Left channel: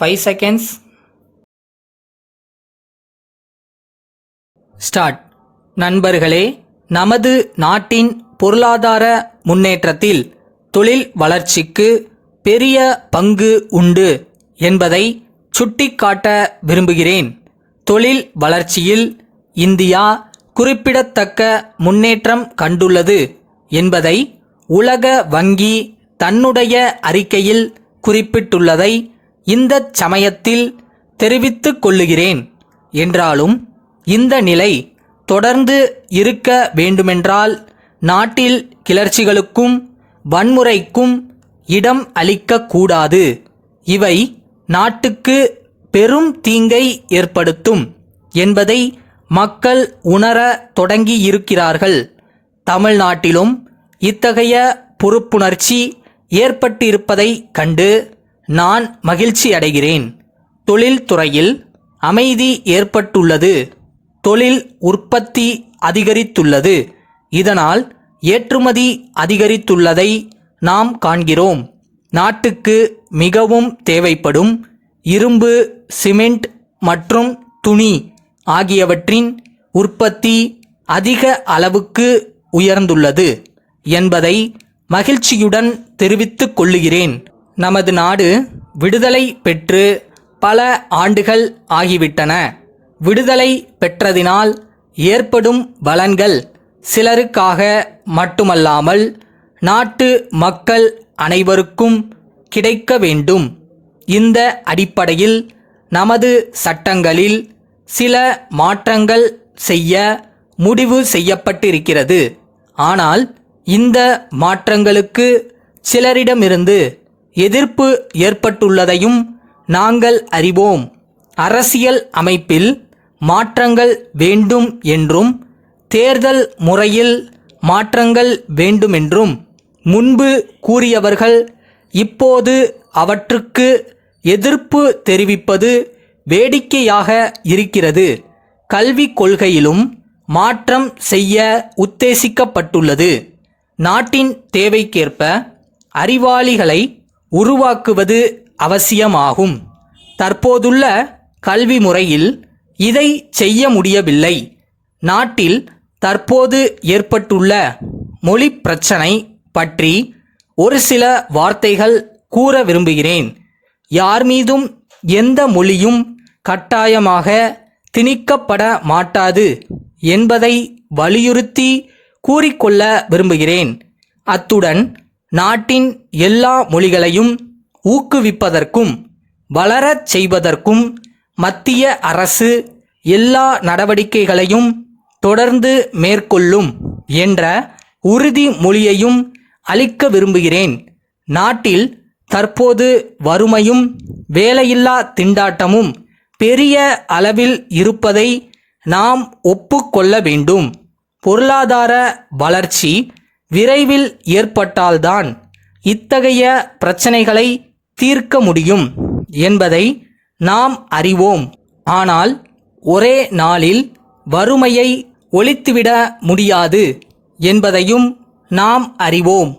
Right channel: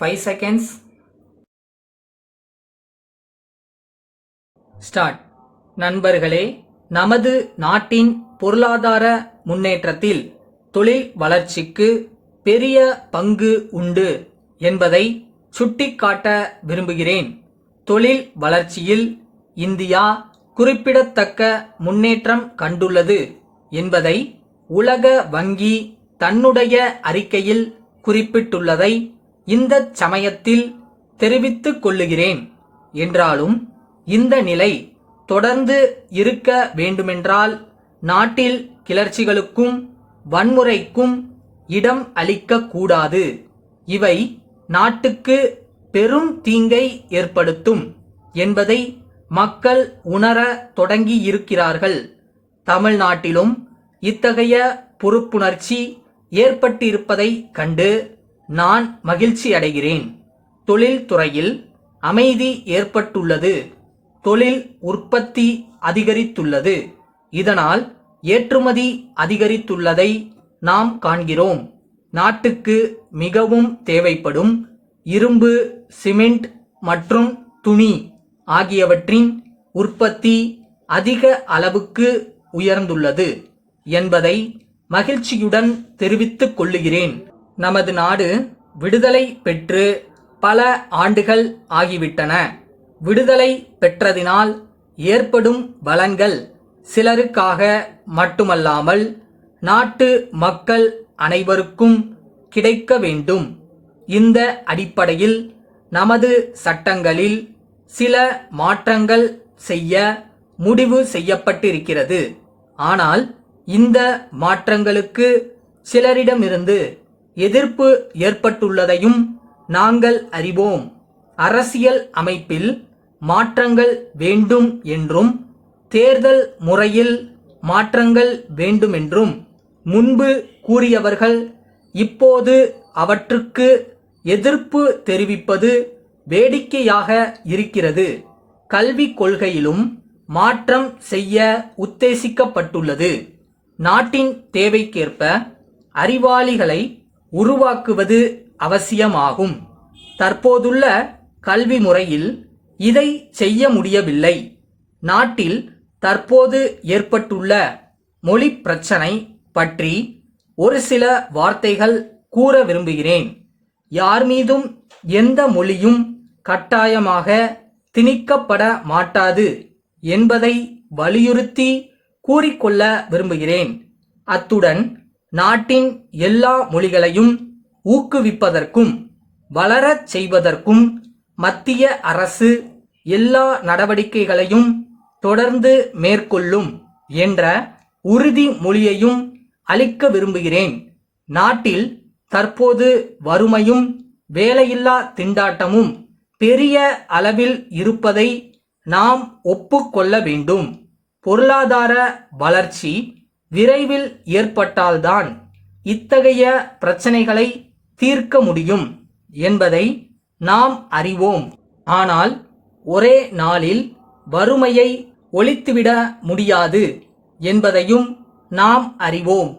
5 seconds. Start. நண்பர்களே, நமது நாட்டின் பொருளாதார முன்னேற்றத்தில் தொழில் வளர்ச்சிக்கு பெரிய பங்கு உண்டு என்பதை சுட்டிக்காட்ட விரும்புகிறேன். தொழில் வளர்ச்சியில் இந்தியா குறிப்பிடத்தக்க முன்னேற்றம் கண்டுள்ளது என்பதை உலக வங்கி தன்னுடைய அறிக்கையில் குறிப்பிட்டுள்ளதை இந்த சமயத்தில் தெரிவித்துக் கொள்ளுகிறேன். என்றாலும் இந்த நிலை தொடர்ந்து இருக்க வேண்டுமென்றால் நாட்டில் கிளர்ச்சிகளுக்கும் வன்முறைக்கும் இடம் அளிக்கக்கூடாது. இவை நாட்டுக்கு பெரும் தீங்கை ஏற்படுத்தும் என்பதை மக்கள் உணர தொடங்கியிருக்கிறார்கள். தமிழ்நாட்டிலும் இத்தகைய பொறுப்புணர்ச்சி ஏற்பட்டிருப்பதை கண்டு நான் மகிழ்ச்சி அடைகிறேன். தொழில்துறையில் அமைதி ஏற்பட்டுள்ளது. தொழில் உற்பத்தி அதிகரித்துள்ளது. இதனால் ஏற்றுமதி அதிகரித்துள்ளதை நாம் காண்கிறோம். நாட்டுக்கு மிகவும் தேவைப்படும் இரும்பு, சிமெண்ட் மற்றும் துணி ஆகியவற்றின் உற்பத்தி அதிக அளவுக்கு உயர்ந்துள்ளது என்பதை மகிழ்ச்சியுடன் தெரிவித்துக் கொள்ளுகிறேன். நமது நாடு விடுதலை பெற்று பல ஆண்டுகள் ஆகிவிட்டன. விடுதலை பெற்றதினால் ஏற்படும் பலன்கள் சிலருக்காக மட்டுமல்லாமல் நாட்டு மக்கள் அனைவருக்கும் கிடைக்க வேண்டும். இந்த அடிப்படையில் நமது சட்டங்களில் சில மாற்றங்கள் செய்ய முடிவு செய்யப்பட்டிருக்கிறது. ஆனால் இந்த மாற்றங்களுக்கு சிலரிடமிருந்து எதிர்ப்பு ஏற்பட்டுள்ளதையும் நாங்கள் அறிவோம். அரசியல் அமைப்பில் மாற்றங்கள் வேண்டும் என்றும் தேர்தல் முறையில் மாற்றங்கள் வேண்டுமென்றும் முன்பு கூறியவர்கள் இப்போது அவற்றுக்கு எதிர்ப்பு தெரிவிப்பது வேடிக்கையாக இருக்கிறது. கல்விக் கொள்கையிலும் மாற்றம் செய்ய உத்தேசிக்கப்பட்டுள்ளது. நாட்டின் தேவைக்கேற்ப அறிவாளிகளை உருவாக்குவது அவசியமாகும். தற்போதுள்ள கல்வி முறையில் இதை செய்ய முடியவில்லை. நாட்டில் தற்போது ஏற்பட்டுள்ள மொழி பிரச்சனை பற்றி ஒரு சில வார்த்தைகள் கூற விரும்புகிறேன். யார் மீதும் எந்த மொழியும் கட்டாயமாக திணிக்கப்பட மாட்டாது என்பதை வலியுறுத்தி கூறிக்கொள்ள விரும்புகிறேன். அத்துடன் நாட்டின் எல்லா மொழிகளையும் ஊக்குவிப்பதற்கும் வளரச் செய்வதற்கும் மத்திய அரசு எல்லா நடவடிக்கைகளையும் தொடர்ந்து மேற்கொள்ளும் என்ற உறுதிமொழியையும் அளிக்க விரும்புகிறேன். நாட்டில் தற்போது வறுமையும் வேலையில்லா திண்டாட்டமும் பெரிய அளவில் இருப்பதை நாம் ஒப்புக்கொள்ள வேண்டும். பொருளாதார வளர்ச்சி விரைவில் ஏற்பட்டால்தான் இத்தகைய பிரச்சனைகளை தீர்க்க முடியும் என்பதை நாம் அறிவோம். ஆனால் ஒரே நாளில் வறுமையை ஒழித்துவிட முடியாது என்பதையும் நாம் அறிவோம்.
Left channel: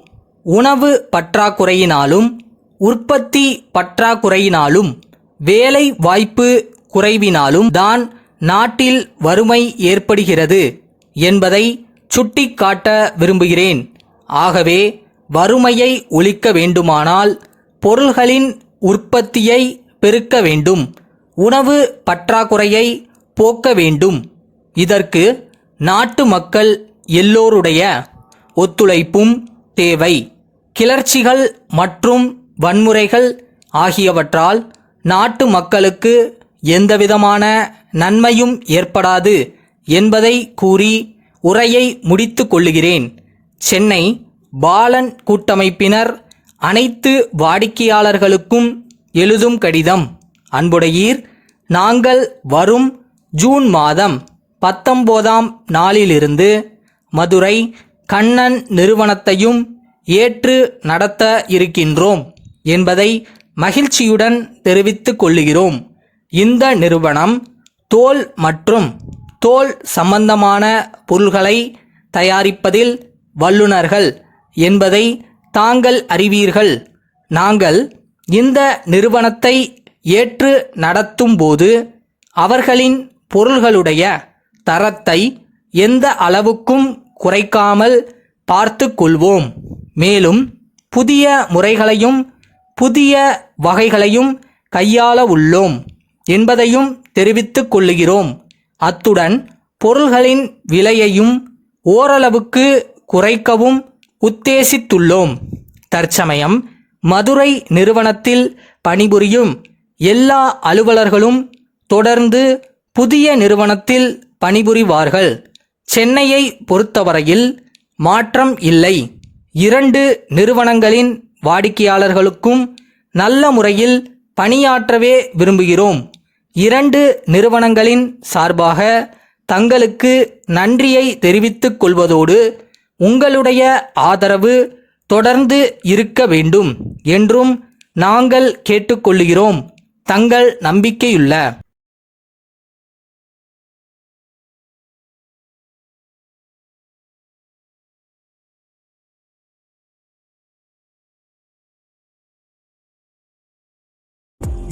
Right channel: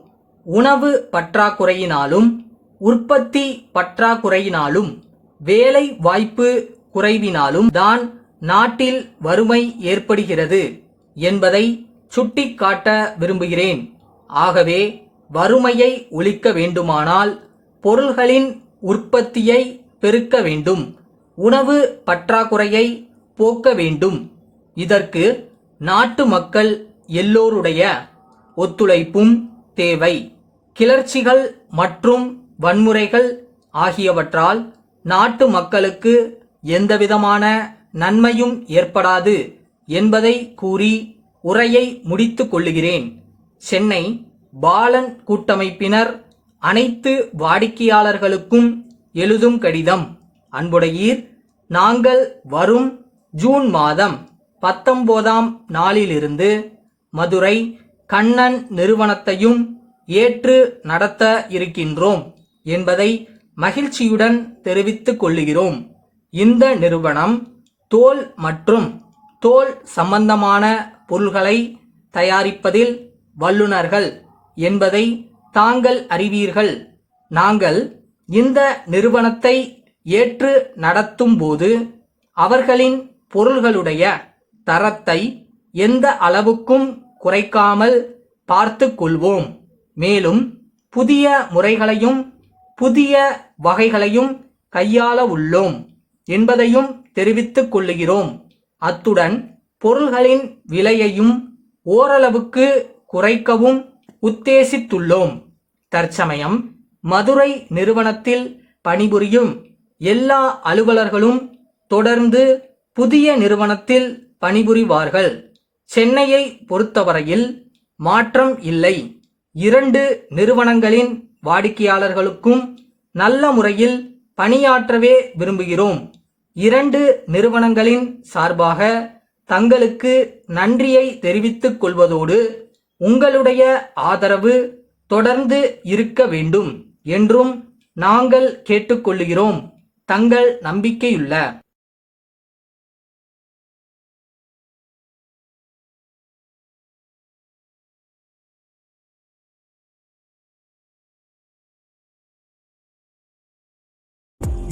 உணவு பற்றாக்குறையினாலும் உற்பத்தி பற்றாக்குறையினாலும் வேலை வாய்ப்பு குறைவினாலும் தான் நாட்டில் வறுமை ஏற்படுகிறது என்பதை சுட்டிக்காட்ட விரும்புகிறேன். ஆகவே வறுமையை ஒழிக்க வேண்டுமானால் பொருள்களின் உற்பத்தியை பெருக்க வேண்டும். உணவு பற்றாக்குறையை போக்க வேண்டும். இதற்கு நாட்டு மக்கள் எல்லோருடைய ஒத்துழைப்பும் தேவை. கிளர்ச்சிகள் மற்றும் வன்முறைகள் ஆகியவற்றால் நாட்டு மக்களுக்கு எந்தவிதமான நன்மையும் ஏற்படாது என்பதை கூறி உரையை முடித்து கொள்ளுகிறேன். சென்னை பாலன் கூட்டமைப்பினர் அனைத்து வாடிக்கையாளர்களுக்கும் எழுதும் கடிதம். அன்புடையீர், நாங்கள் வரும் ஜூன் மாதம் 19ஆம் நாளிலிருந்து மதுரை கண்ணன் நிறுவனத்தையும் ஏற்று நடத்த இருக்கின்றோம் என்பதை மகிழ்ச்சியுடன் தெரிவித்துக் கொள்ளுகிறோம். இந்த நிறுவனம் தோல் மற்றும் தோல் சம்பந்தமான பொருள்களை தயாரிப்பதில் வல்லுநர்கள் என்பதை தாங்கள் அறிவீர்கள். நாங்கள் இந்த நிறுவனத்தை ஏற்று நடத்தும்போது அவர்களின் பொருள்களுடைய தரத்தை எந்த அளவுக்கும் குறைக்காமல் பார்த்து கொள்வோம். மேலும் புதிய முறைகளையும் புதிய வகைகளையும் கையாள உள்ளோம் என்பதையும் தெரிவித்துக் கொள்ளுகிறோம். அத்துடன் பொருள்களின் விலையையும் ஓரளவுக்கு குறைக்கவும் உத்தேசித்துள்ளோம். தற்சமயம் மதுரை நிறுவனத்தில் பணிபுரியும் எல்லா அலுவலர்களும் தொடர்ந்து புதிய நிறுவனத்தில் பணிபுரிவார்கள். சென்னையை பொறுத்தவரையில் மாற்றம் இல்லை. 2 நிறுவனங்களின் வாடிக்கையாளர்களுக்கும் நல்ல முறையில் பணியாற்றவே விரும்புகிறோம். 2 நிறுவனங்களின் சார்பாக தங்களுக்கு நன்றியை தெரிவித்துக் கொள்வதோடு உங்களுடைய ஆதரவு தொடர்ந்து இருக்க வேண்டும் என்றும் நாங்கள் கேட்டுக்கொள்கிறோம். தங்கள் நம்பிக்கையுள்ள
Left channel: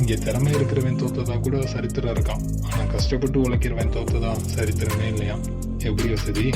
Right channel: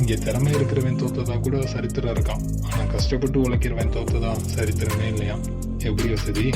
இங்கே திறமை இருக்கிறவன் தோத்ததா கூட சரித்திரம் இருக்கான். ஆனால் கஷ்டப்பட்டு உழைக்கிறவன் தோத்ததா சரித்திரமே இல்லையா? எப்படி வசதி?